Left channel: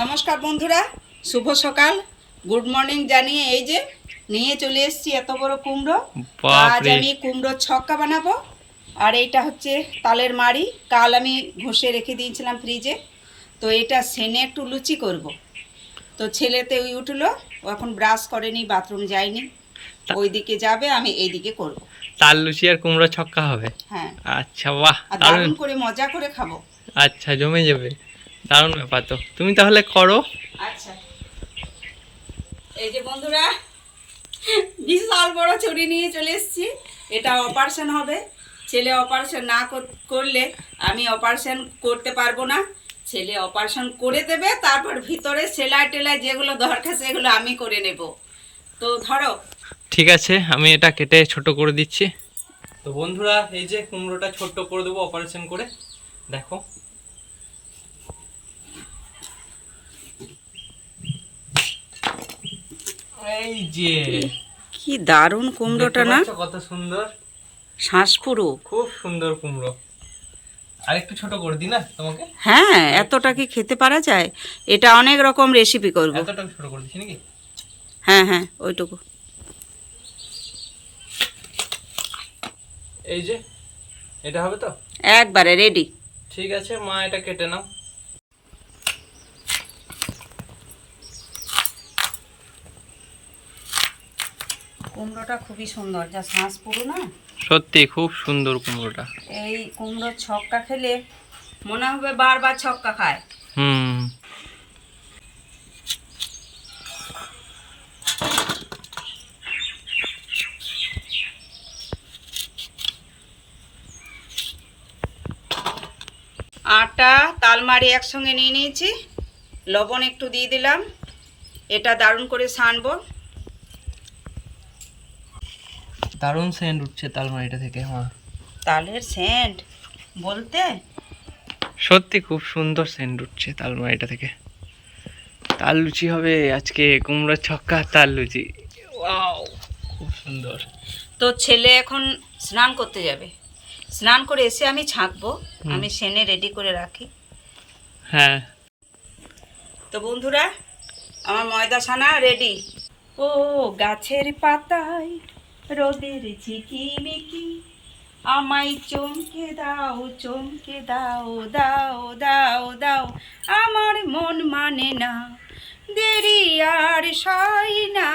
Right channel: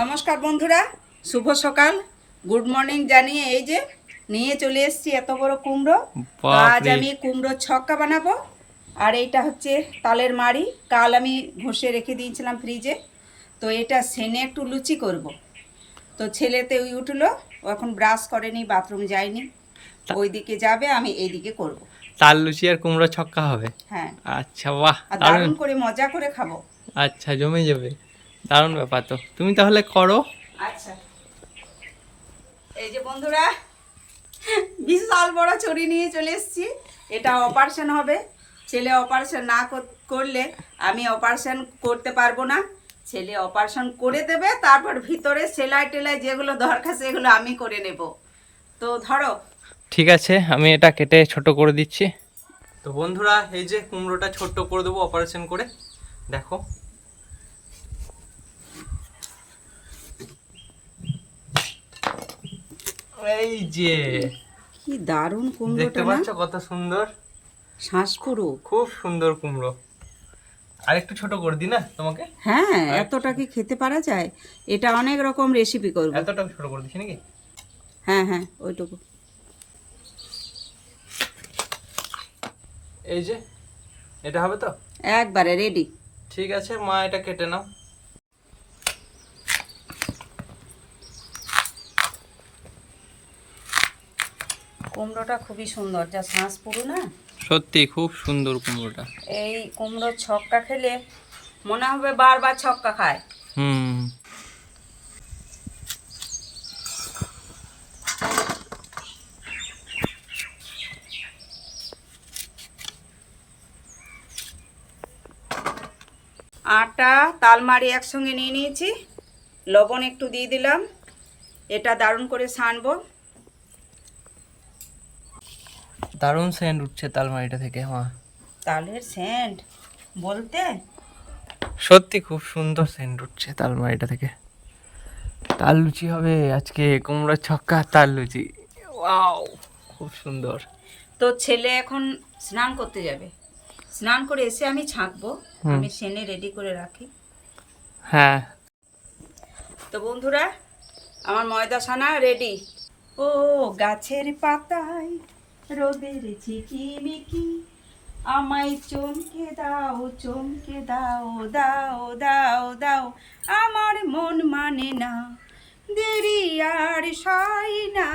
নমস্কার বন্ধুরা, শুভ সকাল, গুড মর্নিং জানিয়ে এই যে নিয়ে চলে এসেছি এত বড় কুমড়ো। আজ আমি কুমড়োর ছক্কা বানাবো। আর এইটা হচ্ছে তালের মাড়ি, কাল আমি ঘষে রেখে দিয়েছিলাম ফ্রিজে। তো এটা সেনে একটু লুচি করব। তো ছেলেতে ওই উঠলো, ও এখন ব্রাশ করেনি, বাথরুম যায়নি, ওইদিকে যাবে, আমি এইদিকে করব। তাল লুচি আর কুমড়ো ছক্কা হবে? হ্যাঁ। আচ্ছা, বাহ, আর দারুণ করে মজা করে খাবো। আচ্ছা, জমে যাবে, দারুণ ব্যাপার। তো তুমি তাহলে করো। আচ্ছা, এই যে বন্ধুরা, বিশাল বড় ছুরি নিয়ে চলে এসেছি। এটা অপারেশন হবে। ছেলে অপারেশন না করলে আমি অপারেশন করতে পারবো না। ছেলে অপারেশন করে দেবে, তারপর ভিতরে সেলাই টেলাই যেগুলো দরকার সেগুলো আমি করে নেব। তো ধরো। ঠিক আছে, আমি এটা কেটে ছোট করে দিচ্ছি। তো বন্ধুরা, এই যে কুমড়োটা ছোট করে দেবো অপারেশন করে, দেখো। এই যে কি দারুণ কুমড়োটা না, কত সুন্দর, শ্বাস পুরো খুব সুন্দর কুমড়ো। আর একটু ছোট করে দিই না তোমাকে? হ্যাঁ, এতটা কি খেতে পারা যায়? এটা অনেক রকম রেসিপি করব। এতটা ছোট করে দিচ্ছি নাকি? হ্যাঁ হ্যাঁ, ওইটুকু। এই যে এটা হবে তো একবারে রেডি। ঠিক আছে মা, এটা কেটে নাও। কুমড়োটা খুবই সুন্দর, যা শ্বাস পুরো না, সত্যি খুব সুন্দর কুমড়োটা। এই কুমড়োর ছক্কা খেলে মনে হবে বারবার ছক্কা খায়। হুম। আটা তালমারি একসঙ্গে নিয়ে নিয়েছি, লবণ একটু দিয়ে দিলাম। এটা দারুণ করে ছানবো। দারুণ সেন্ট উঠছে তালমারিটা থেকে মা। তালের সেন্ট বলতে সত্যি খুব সুন্দর সেন্ট উঠছে তালমারিটা থেকে। তাল লুচি হবে আজকে, কুমড়োর ছক্কা তাল লুচি। ওয়াও, খুব সুন্দর। তো ছেলে এখন স্নান করতে যাবে, স্নান করে এসে আমি ছাঁকবো। আমি সেনে রেডি করে রাখি। হ্যাঁ। তো বন্ধুরা, আমার ময়দা ছানা রেডি। ও গাছের পাতায় রোদের ঝিকিমিকি, আমায় চমকে দাও, চমকে দাও, দাও দাও দাও, আমার মন মানে না, দেরি আর সয় না,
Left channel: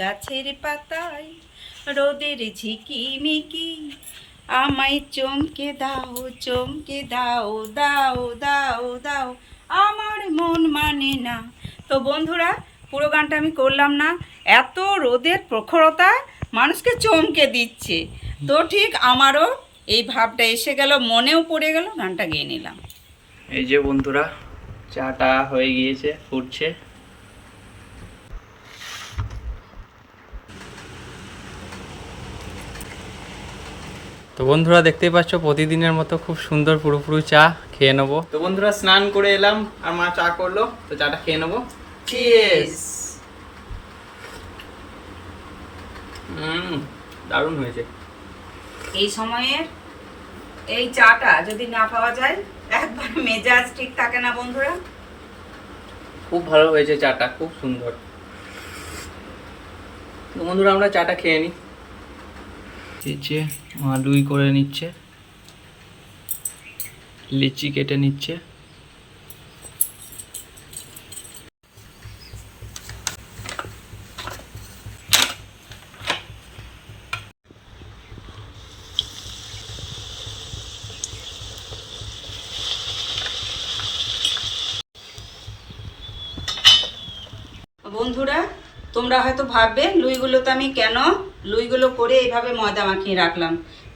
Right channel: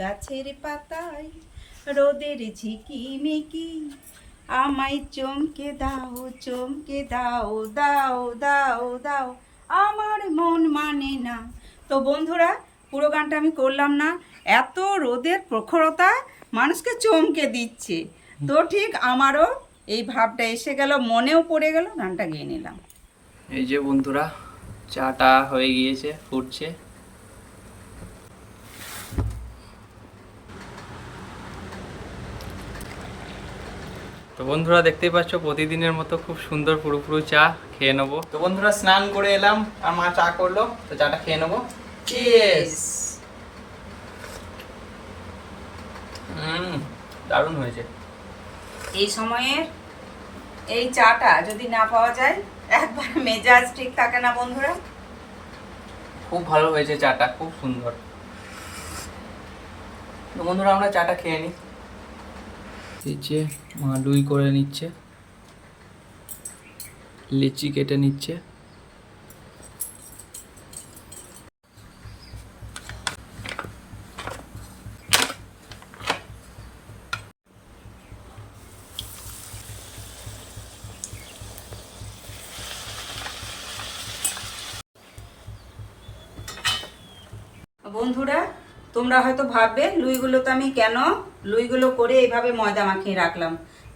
গাছের পাতায় রোদের ঝিকিমিকি, আমায় চমকে দাও, চমকে দাও, দাও দাও দাও, আমার মন মানে না। তো বন্ধুরা, পুরো গানটা আমি করলাম না, এত রোদের প্রখরতা মানুষকে চমকে দিচ্ছে। তো ঠিক আমারও এই ভাবটা এসে গেল, মনেও পড়ে গেল, গানটা গেয়ে নিলাম। এই যে বন্ধুরা, চাটা হয়ে গিয়েছে, ফুটছে। তো বন্ধুরা, দেখতেই পাচ্ছ প্রতিদিনের মতো খুব সুন্দর পুরোপুরি চা খেয়ে নেবো। তো বন্ধুরা, স্নান করে এলাম আর মা চা করলো, তো চাটা খেয়ে নেবো। চিয়ার্স। দারুণ হয়েছে। এই সময়ে এই চাটা যদি না পাওয়া যায়, একবার মেজাজ ঠিক থাকে না বন্ধুরা। খুব ভালো হয়েছে চাটা, খুব সুন্দর। তো বন্ধুরা, আমরা চাটা খেয়ে নিই। এই যে মা লুই করে নিচ্ছে, লিচি কেটে নিচ্ছে। বন্ধুরা, তোমরা হয়তো ভাববে লুইগুলোতে আমি কেন লুইগুলো করে এইভাবে ময়দা মাখিয়ে রাখলাম।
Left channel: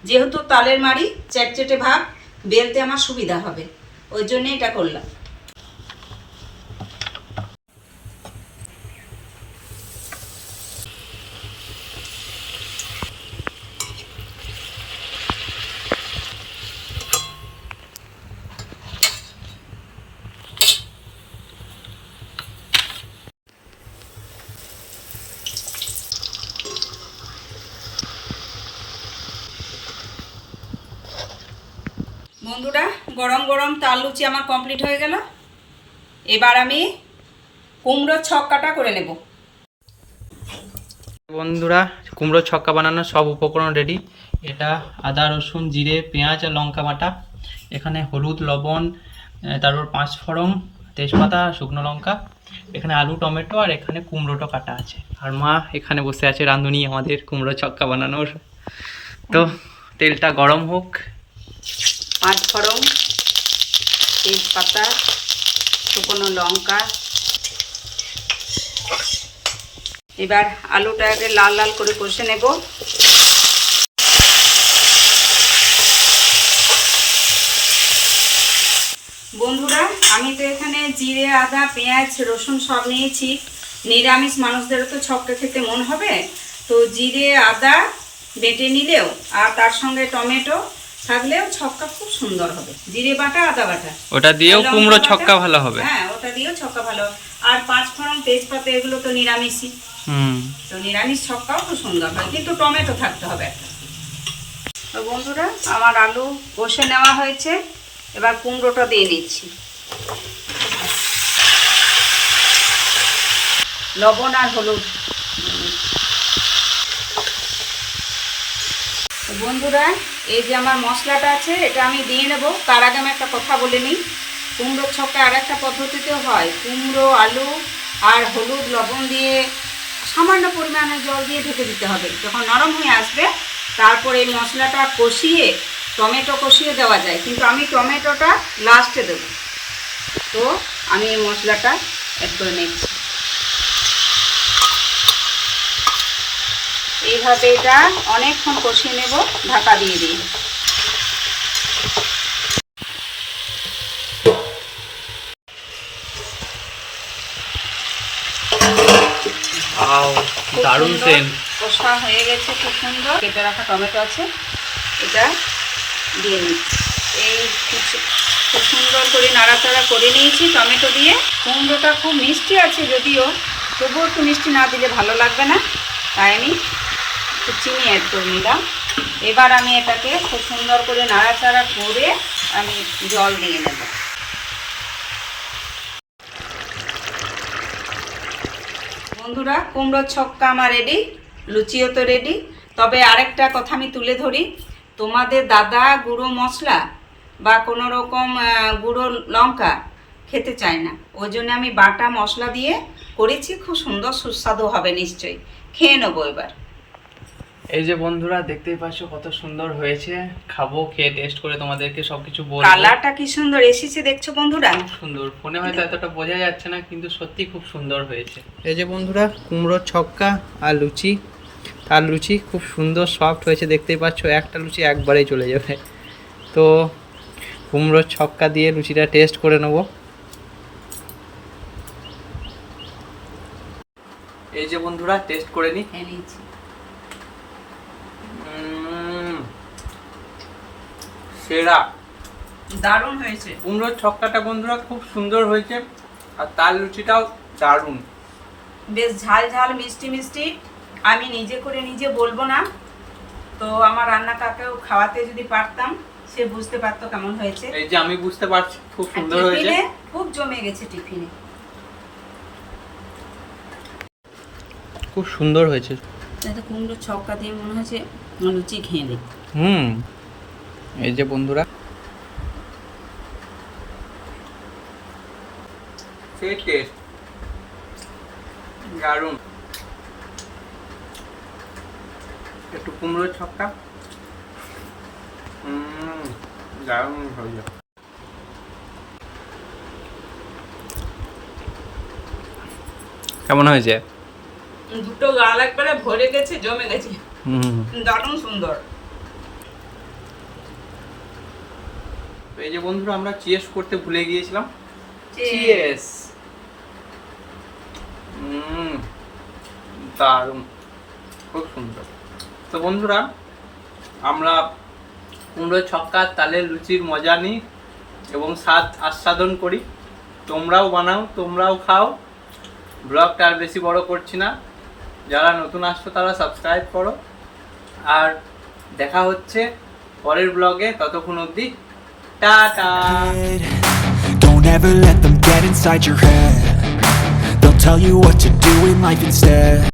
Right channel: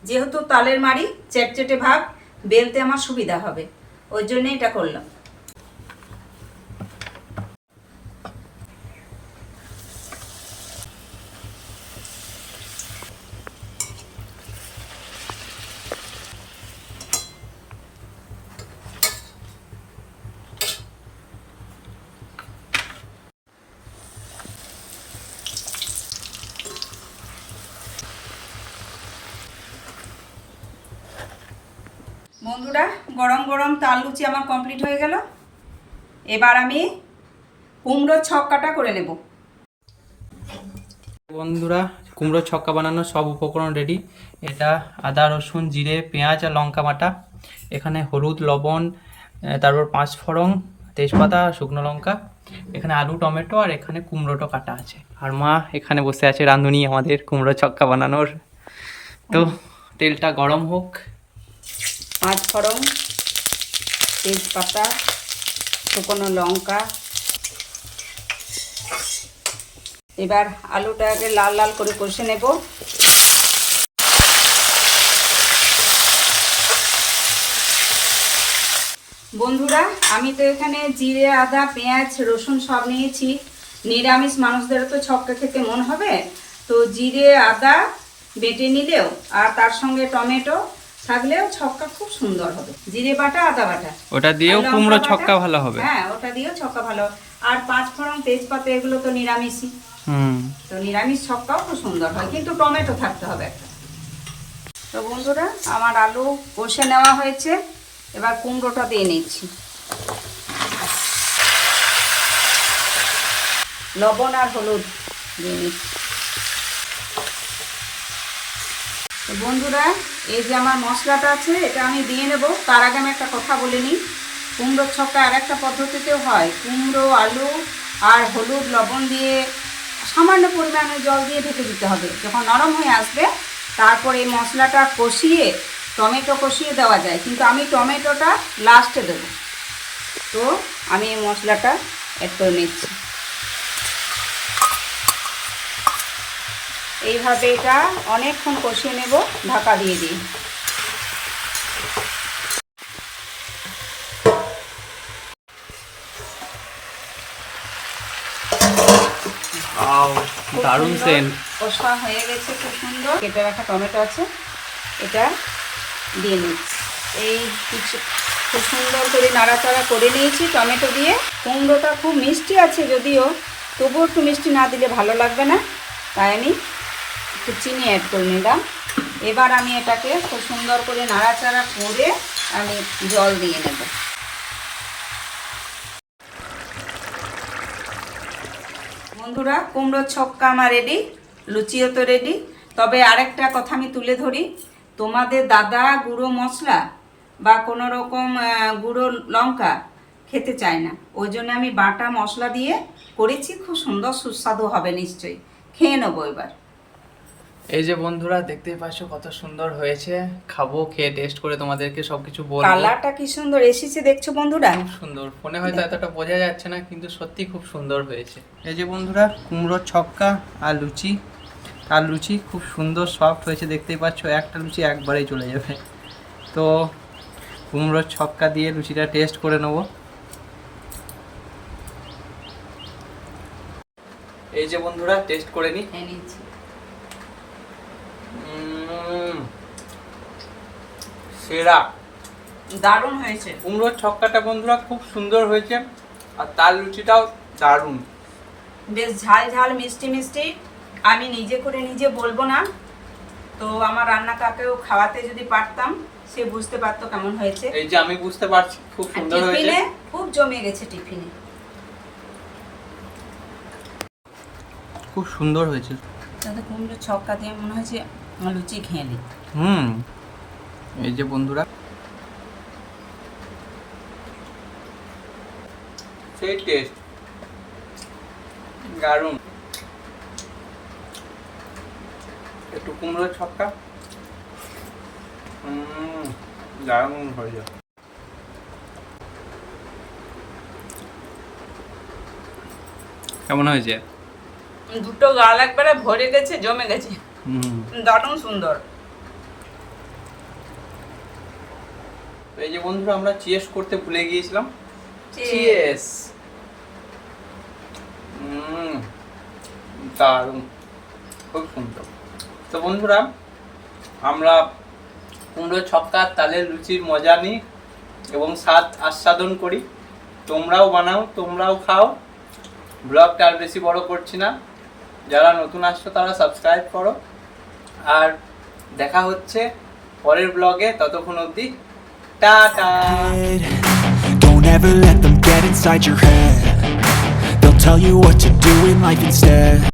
যেহেতু তালের মাড়ি চ্যাটচেটে ভাব, বেলতে আমার সুবিধা হবে, ওই জন্য এটা করলাম। বন্ধুরা, গরম গরম তাল লুচি আমার কমপ্লিট হয়ে গেল। এবার আমি কুমড়োর ছক্কাটা করে নেব। বন্ধুরা কুমড়োর ছক্কা বানানোর সব উপকরণ রেডি। এটা আদা রসুন জিরে পেঁয়াজ আর লঙ্কা বাটা, এখানে হলুদ লবণ, তারপর 5 ফোড়ন, তেজপাতা, শুকনো লঙ্কা, এখানে আলু টমেটো, আর এখানে কুমড়োটা কাটা আছে। আর মা এখানে বসে আছে রাঁধুনি আমাদের কুমড়ো ছক্কা বানানোর। তো তেলটা গরম হোক। 5 ফোড়ন, তেজপাতা, শুকনো লঙ্কা। এবার আলুটাকে লাল লাল করে কষে নেব। বন্ধুরা আমি তো এখানে জিরে আদা পেঁয়াজ রসুন সব নিয়েছি। নিরামিষ মানুষদেরও তো ছক্কা খেতে মন হবে, তো জিরে আদা বেটে নিলেও আর তার সঙ্গে টমেটো থাকলেও ছক্কা খুব সুন্দর হবে। জিরে বাটা আদা বাটা ওটা দিয়েও লঙ্কা কুমড়ো বাটা, ছক্কা ভালো হবে। হ্যাঁ ওটা দিয়েও ছক্কা ভালো। আর 5 ফোড়ন তেজপাতা এগুলো তো নিরামিষই, তো নিরামিষ ছক্কাও খুব সুন্দর হয়, কিন্তু টমেটো থাকতে হবে একটা। তো বন্ধুরা আমার আলু কষে নেওয়া হয়েছে, এবার কুমড়োটা দিয়ে নিচ্ছি। লবণ আর হলুদ দিয়ে নিচ্ছি। তো বন্ধুরা এই যে আমার মশলাটা আছে এটা আমি দিয়ে নেব। তার আগে আমি একটা কথা বলে নিই, কুমড়োর ছক্কা আর একটা পদ্ধতিতেও হয়। কুমড়ো আলু আর হলুদ লবণ দিয়ে সামান্য পরিমাণে জল দিয়ে ঢেকে দিতে হবে। যখন নরম হয়ে আসবে তারপর এই মশলাটা কষিয়ে টমেটো কষিয়ে দেওয়া যায়, কিন্তু আমি টমেটোটা লাস্টে দেবো। তো আমি এই মশলাটা অ্যাড করে নিচ্ছি। এইভাবে এটা অনেকক্ষণ কষিয়ে নেব ঢাকা দিয়ে দিই। দারুণ সেন্ট। কষা হয়ে গেছে খুব সুন্দর। কেটে রাখা টমেটো আছে এটা দিয়ে দিচ্ছি। এই খুব সুন্দর করে নাড়াচাড়া করে নিয়েছি টমেটো দিয়ে। কুমড়োটা খুব মিষ্টি আছে যদিও, তবুও একটু মিষ্টি না দিলে ভালো লাগবে না, তাই আমি একটু চিনি অ্যাড করে নিলাম। এবার আমি এটাকে খুব সুন্দর করে নাড়াচাড়া করে আমি জল দিয়ে নেব। বন্ধুরা কুমড়োর ছক্কা আমার রেডি, লুচিও তো রেডি। তবে আরেকটা কথা আমি তুলে ধরি, তোমাদের দাদা গুঁড়ো মশলা বা কোনো রকম গুঁড়ো লঙ্কা খেতে চায় না, ওই জন্য আমি বাটা মশলা দিয়ে করেছি। খুব সুন্দর সুস্বাদু হবে নিশ্চয়ই, খেয়ে নেবো এবার। এই যে বন্ধুরা দেখতেই পাচ্ছ কত সুন্দর হয়েছে। খাবো, খেয়ে টেস্ট করে তোমাদেরকে সবকিছু বলবো। কালারটা কি সুন্দর এসেছে দেখছো বন্ধুরা, খুব সুন্দর। ফোনে হয়তো এতটা বোঝা যাচ্ছে না, কিন্তু সত্যি খুব সুন্দর হয়েছে। এই যে বন্ধুরা কুমড়োর ছক্কা আর লুচি, তার লুচি খুব সুন্দর সফট হয়েছে দেখতেই পাচ্ছ। একটা লুচি একবারেই চলে যাবে। তো কুমড়োর ছক্কা দিয়ে লুচিটা টেস্ট করে নেব। এই যে বন্ধুরা টেস্ট করে নি। সেরা, দারুণ হয়েছে। কুমড়োর ছক্কাটা বন্ধুরা খুব সুন্দর হয়েছে, আর তার লুচিটাও দারুণ। বেশ ঝাল ঝাল মিষ্টি মিষ্টি। আমি নিজে করে নিজে বলবো না, তো আমার রান্না কাকেও খাওয়াতে যদি পারতাম সে বুঝতে পারতো কেমন হয়েছে। এই যে আমি বুঝতে পারছি খুব সুন্দর হয়েছে, টিফিনে খুব জমে গেছে। টিফিনে খুব সুন্দর হয়েছে। যাতে কুমড়োর ছক্কা দিয়ে মনে হয়েছে লুচি খেয়ে নিই। এই যে বন্ধুরা সেই টেস্ট দারুণ। একটু কুমড়োর ছক্কা দারুণ হয়েছে। কেমন হয়েছে? দুটো গাল একবারে ভরে গেছে, জমে গেছে, দারুণ সুন্দর। এই যে বন্ধুরা আমরা চিয়ার্স করতে ভুলে গিয়েছিলাম। চিয়ার্স। দারুণ, খুব সুন্দর। তো বন্ধুরা আমরা কুমড়োর ছক্কা তালের লুচির মজা নিই এবং স্বাদ আস্বাদন করি। তোমরাও বানাও, তোমরাও খাও। ব্লগটা আর বেশি বড় করছি না, যারা নতুন আসছো তারা সাবস্ক্রাইব করো। আর দেখা হচ্ছে পরের ব্লগে, ততক্ষণ অবধি tata. Don't ever let them get inside your head. They'll tell you what to do in life instead.